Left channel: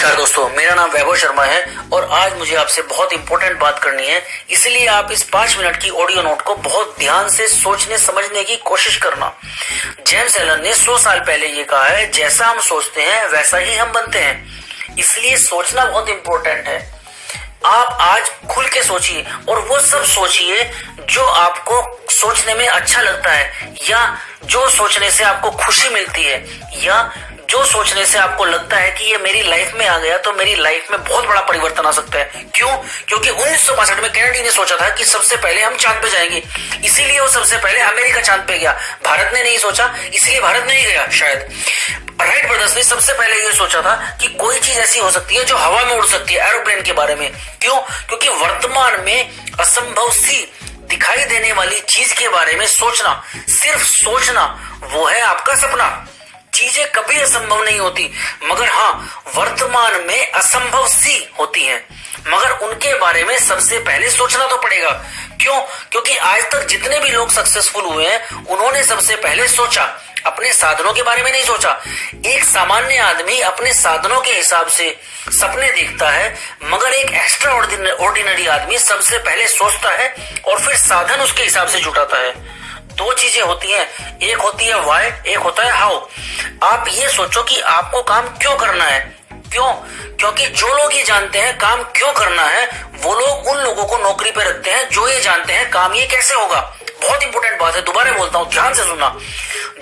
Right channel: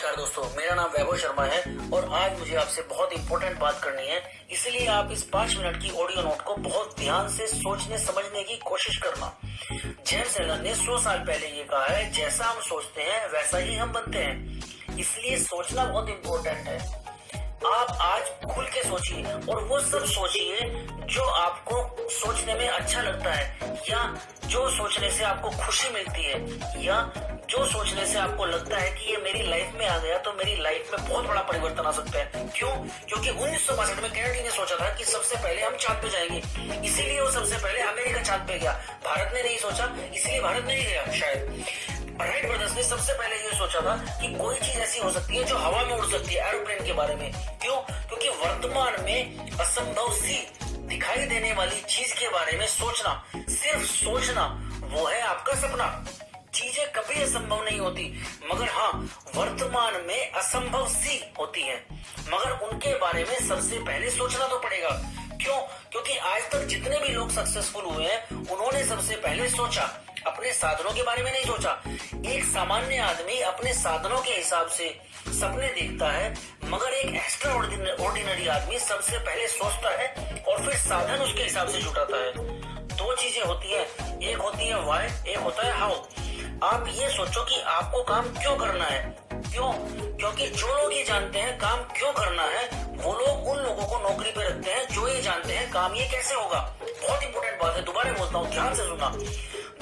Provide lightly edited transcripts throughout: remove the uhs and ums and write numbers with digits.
नमस्कार दोस्तों, मेरा नाम वैभव शर्मा है और आज मुझे आपसे बहुत इंपॉर्टेंट बात करनी है। इसलिए आप इस 5 मिनट की ऑडियो नोट को बहुत ध्यान से सोचने समझने की कोशिश करना। जेम्स एलन ने 100 साल पहले ये कहा है, जैसा हम सोचते हैं वैसा ही हम बनते हैं। इसलिए सोचना बहुत इंपॉर्टेंट है। आप आज खुल के सोचिए और वो सब सोचिए जो आपको सोचने में अच्छा लगता है, या जो सोचने से आपको खुशी मिलती है, या जो सोचने से आपको लगता है कि ये मेरी लाइफ में आ गया तो मेरी लाइफ में बहुत बड़ा परिवर्तन आ सकता है। क्यों? क्योंकि 1962 में केनेडी ने सोचा था कि सबसे पहले हम चांद पे जाएंगे, इसीलिए वो सबसे पहले अमेरिका चांद पे गया। भारत ने नहीं सोचा, इसलिए भारत नहीं गया। शायद राइट ब्रदर्स ने सबसे पहले ये सोचा था कि कोई चीज ऐसी हो सकती है जो हवा में उड़ सकती है, एरोप्लेन के बारे में। क्यों? क्योंकि वर्तमान में असंभव सी दिखाई देने वाली चीज के बारे में सोचना, सिर्फ सोचना, वो है आपका सपना। चीजें कभी असंभव नहीं होती, मगर हाँ, वर्तमान में असंभव सी होती हैं, मगर उनके बारे में सबसे पहले सोचना तो पड़ेगा। क्यों? क्योंकि आज तक जितने भी लोग सक्सेसफुल हुए हैं, उन्होंने सबसे पहले सोचा, अपने साधनों के बारे में नहीं सोचा। एक सामान्य आदमी अपने साधनों के हिसाब से सपने देखता है, मगर एक एक्स्ट्रा ऑर्डिनरी आदमी सबसे पहले सोचता है और फिर साधन उसके हिसाब से जुटाता है। दो चीजें होती हैं, एक होती है व्हाई, एक होता है हाउ। आप ये सोचो कि आपको काम क्यों करना है। क्यों? क्योंकि जो लोग ये जानते हैं काम क्यों करना है, वो लोग उन लोगों को नौकरी पे रखते हैं जो ये जानते हैं काम ये कैसे होगा। बहुत इंपॉर्टेंट बात है, दोबारा बोलता हूँ, ध्यान से सुनना।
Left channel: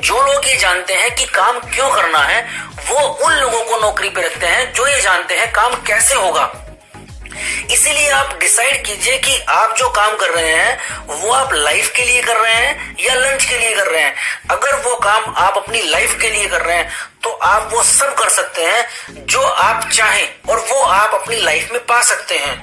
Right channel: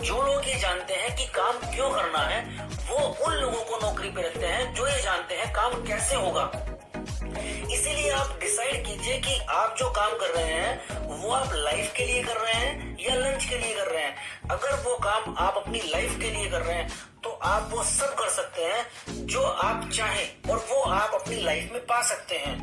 जो लोग ये जानते हैं कि काम क्यों करना है, वो उन लोगों को नौकरी पे रखते हैं जो ये जानते हैं काम कैसे होगा। इसीलिए आप डिसाइड कीजिए कि आप जो काम कर रहे हैं वो आप लाइफ के लिए कर रहे हैं या लंच के लिए कर रहे हैं। अगर वो काम आप अपनी लाइफ के लिए कर रहे हैं तो आप वो सब कर सकते हैं जो आप चाहें और वो आप अपनी लाइफ में पा सकते हैं।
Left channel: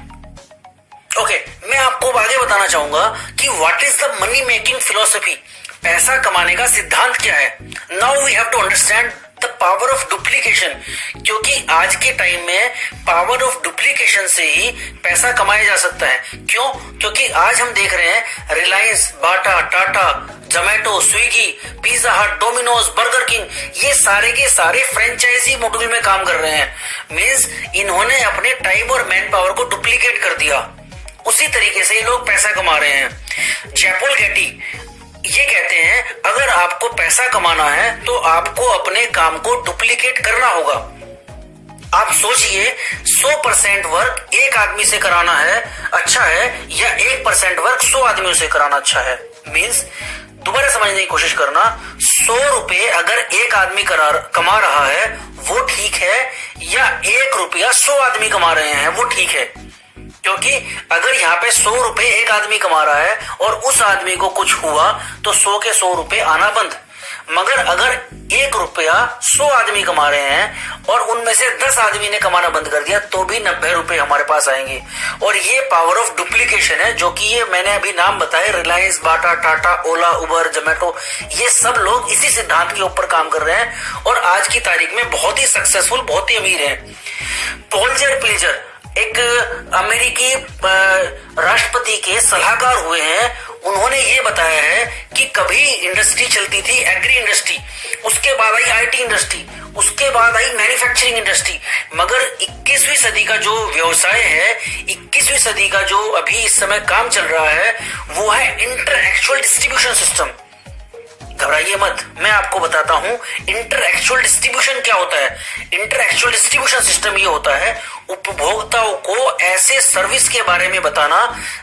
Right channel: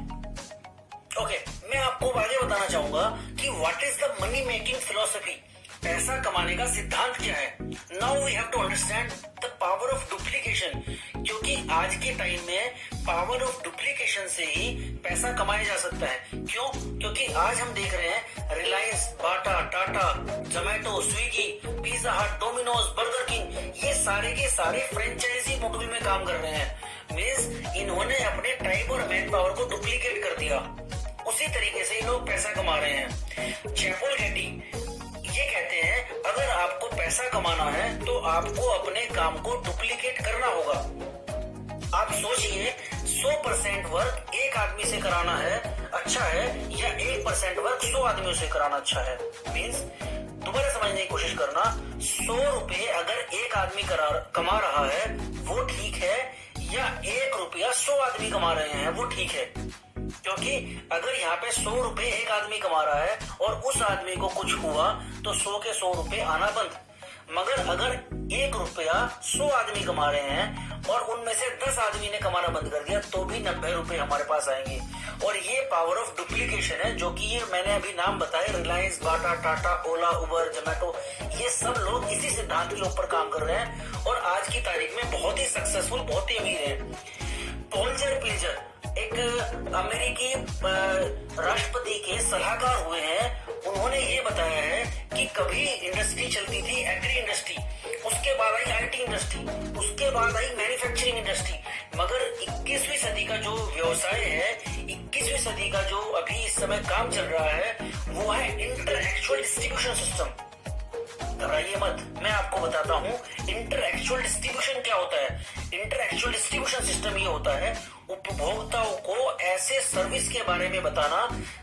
ओके, मैं आपको आगे बताना चाहूंगा कि what is the money making philosophy, पैसा कमाने का सिद्धांत क्या है। Now we have to understand the power of duplication, क्योंकि आज के टाइम में पावर ऑफ डुप्लीकेशन से ही पैसा कमाया जा सकता है। क्यों? क्योंकि आज हम देख रहे हैं रिलायंस, बाटा, टाटा, जोमेटो, स्विगी, पिज्जा हट, डोमिनोज, बर्गर किंग, ये सारे के सारे फ्रेंचाइजी मॉडल में काम कर रहे हैं। मींस इन्होंने अपने टाइम और मैन पावर को डुप्लीकेट कर दिया। उसी तरीके से ये लोग पैसा कमा रहे हैं। जयपोल गेटी ये कहते हैं, अगर आपको पैसा कमाना है तो आपको अपने काम को डुप्लीकेट करना होगा। आप सोचिए, 100% वर्क एक आदमी से कराना है अच्छा है, या 1% वर्क 100 आदमियों से कराना अच्छा है। मींस दोबारा समझने की कोशिश करना, 100 रुपए अगर एक आदमी कमा रहा है वो ठीक है, या 1 रुपया 100 आदमी कमा रहे हैं वो ठीक है। क्योंकि अगर यहाँ पे 100 रुपए एक आदमी कमा रहा है और उस आदमी को कुछ हुआ तो 100 के 100 रुपए आना बंद। मगर अगर 1 रुपया 100 आदमी कमा रहे हैं और उनमें से 10 आदमी ने कमाना बंद कर दिया तो भी 90 रुपए हमारे पास आएंगे। और ये पावर ऑफ डुप्लीकेशन है, जो कि ये मैंने अभी नाम बताए, रिलायंस, बाटा, टाटा, ओला, उबर, जोमेटो, ये सब लोग इसी सिद्धांत के ऊपर काम कर रहे हैं और आज की तारीख में बहुत ही सक्सेसफुल, बहुत ही अमीर है। पोल्जर पिल्जर एक अमेरिकी राष्ट्रपति के सलाहकार हुए हैं। उन्होंने ये बताया है कि कभी इंडस्ट्री चलती थी एग्री इंडस्ट्री, उसके बाद आई आईटी इंडस्ट्री, उसके बाद आई मैन्युफैक्चरिंग इंडस्ट्री, मगर 21वीं सदी का जो व्यवसाय है, 21वीं सदी का जो अभी इस समय काम चल रहा है, वो है इंटरएक्चुअल डिस्ट्रीब्यूशन सिस्टम। घबराइए मत, मैं आपको बताता हूं इंटरएक्चुअल डिस्ट्रीब्यूशन क्या होता है। इंटरएक्चुअल डिस्ट्रीब्यूशन सिस्टम ये होता है उपभोक्ताओं को ऐसे सर्विस के बारे में बताना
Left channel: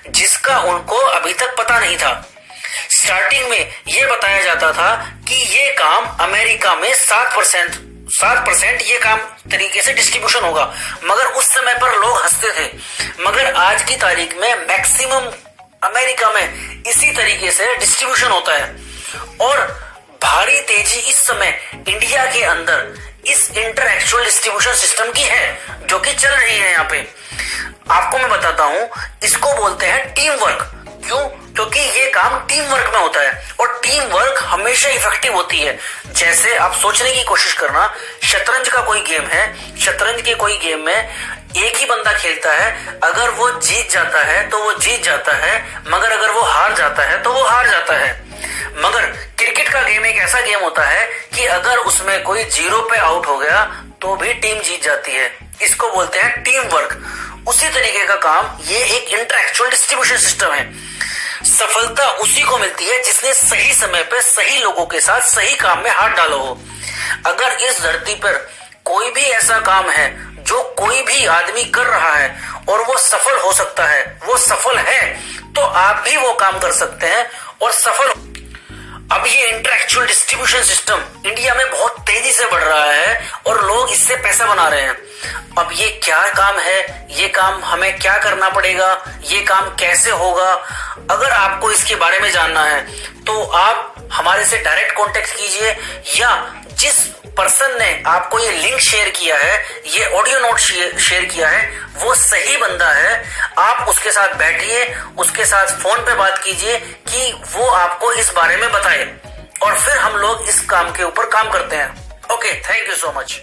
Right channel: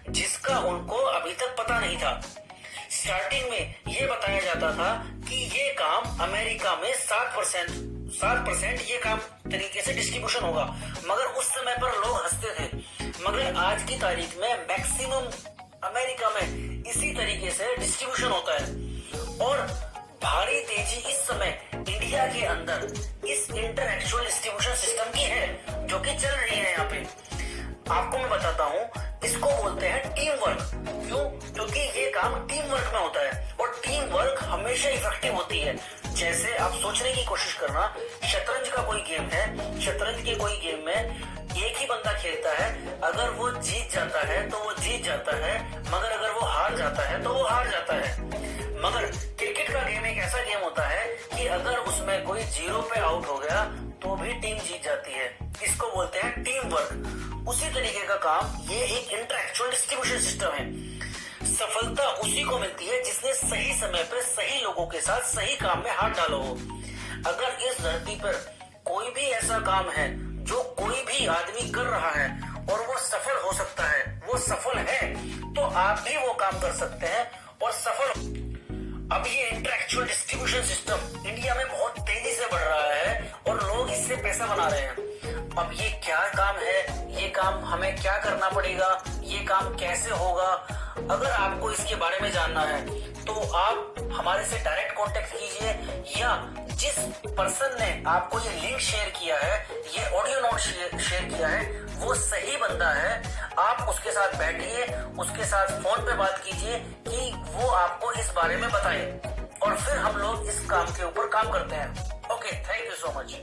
जिसका उनको अभी तक पता नहीं था। स्टार्टिंग में ये बताया जाता था कि ये काम अमेरिका में 7% ये काम तरीके से डिस्ट्रीब्यूशन होगा, मगर उस समय पर लोग हंसते थे। मगर आज की तारीख में मैक्सिमम अमेरिका में इसी तरीके से डिस्ट्रीब्यूशन होता है। और भारी तेजी इस समय इंडिया के अंदर इस इंटरएक्चुअल डिस्ट्रीब्यूशन सिस्टम की है, जो कि चल रही है। यहाँ पे आपको मैं बताता हूँ, इसको बोलते हैं टीम वर्क। क्यों? क्योंकि ये काम टीम वर्क में होता है और टीम वर्क हमेशा इफेक्टिव होती है। जैसे आप सोचने की कोशिश करना, शतरंज का कोई गेम है, शतरंज के कोई गेम में एक ही बंदा खेलता है, अगर वो जीत जाता है तो वो जीत जाता है, मगर अगर वो हार जाता है तो वो हार जाता है। मगर क्रिकेट का गेम एक ऐसा गेम होता है कि अगर उसमें कोई 0 पे आउट हो गया तो भी टीम जीत जाती है। इसको बोलते हैं टीम वर्क। उसी तरीके का काम ये एक इंटरएक्चुअल डिस्ट्रीब्यूशन सिस्टम है। सफलता उसी को मिलती है जिसने सही समय पर सही लोगों के साथ सही काम में हाथ डाला हो। अगर इस धरती पर कोई भी ऐसा काम है जो कोई भी आदमी कर रहा है और वो सफल हो सकता है, वो सफल है, तो आप भी वो काम कर सकते हैं और सफल। अब ये इंटरएक्चुअल डिस्ट्रीब्यूशन सिस्टम इंडिया में बहुत तेजी से बढ़ रहा है और लोग इससे पैसा बना रहे हैं। अब ये क्या काम है, ये काम हमें क्या करना पड़ेगा, ये काम कैसे होगा, अगर आपको इसके बारे में जानना है तो आप हमारे से डायरेक्ट कांटेक्ट कीजिए, या जिस पर्सन ने आपको ये लिंक शेयर किया है, ये ऑडियो नोट शेयर किया है, वो सही बंदा है। आप उसके साथ बैठिए, उसके साथ फोन पे बात कीजिए कि वो आपको इस बारे में बताए और फिर हम लोग इस काम के ऊपर काम करते हैं। Okay, thank you so much.